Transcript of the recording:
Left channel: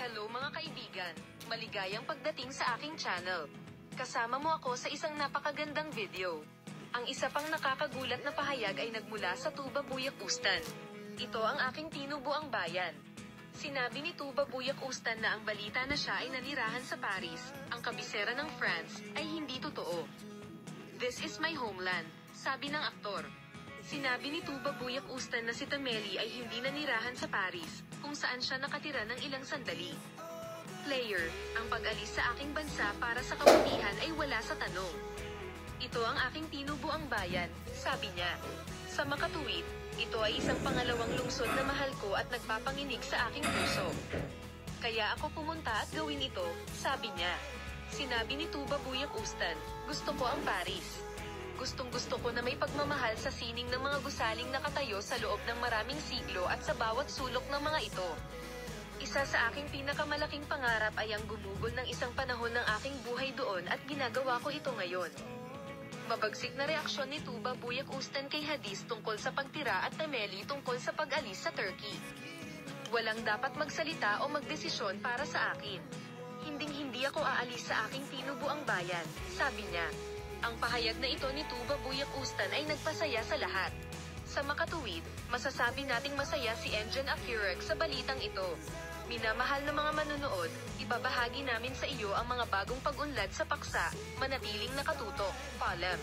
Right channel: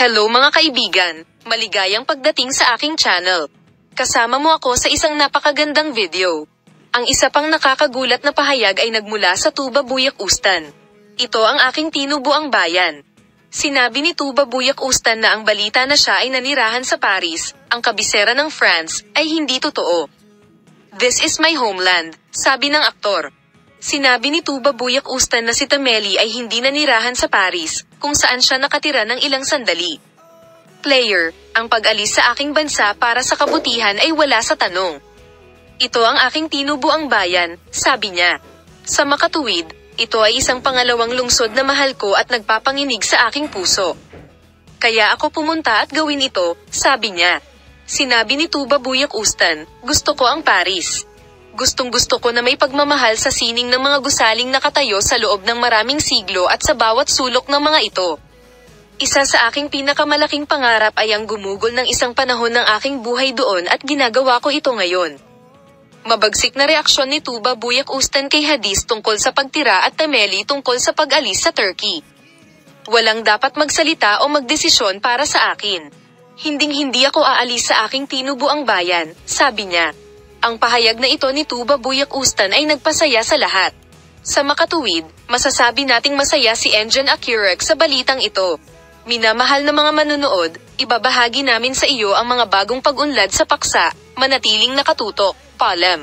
Hello mga kaibigan, maligayang pagdating sa aking channel. Kasama mo ako sa isang napakagandang video. Ang isa pang nakakagulat na pahayag ay nagmula sa Tuba Buyak Ustan. Ito ang aking tinubuang bayan. Sinabi ni Tuba Buyak Ustan na ang balita na siya ay nanirahan sa Paris, ang kabisera ng France, ay hindi totoo. This is my homeland, sabi ng aktor. Sinabi ni Tuba Buyak Ustan na si Tameli ay hindi nanirahan sa Paris, kung saan siya nakatira ng ilang sandali. Player, ang pag-alis sa aking bansa para sa kabutihan ay wala sa tanong. Ito ang aking tinubuang bayan, sabi niya. Sa makatuwid, ito ay isang pangalawang lungsod na mahal ko at nagpapanginig sa aking puso. Kaya ako pumunta at gawin ito, sabi niya. Sinabi ni Tuba Buyak Ustan, gusto ko ang Paris. Gustong-gusto ko na may pagmamahal sa sining ng mga gusaling nakatayo sa loob ng maraming siglo at sa bawat sulok ng mga ito. Isa sa aking pinakamalaking pangarap ay ang gumugol ng isang panahon ng aking buhay doon at ginagawa ko ito ngayon. Mabagsik na reaksyon ni Tuba Buyak Ustan kay Hadis tungkol sa pagtira at Tameli tungkol sa pag-alis sa Turkey. Walang dapat magsalita o magdesisyon para sa akin. Hinding-hindi ako aalis sa aking tinubuang bayan, sabi niya. Ang pahayag na ito ni Tuba Buyak Ustan ay nagpasaya sa lahat. Sa makatuwid, masasabi nating masaya si Engin Akirek sa balitang ito. Minamahal na mga manunood, ibabahagi namin sa iyo ang mga bagong pag-unlad sa paksa, manatiling nakatutok, paalam.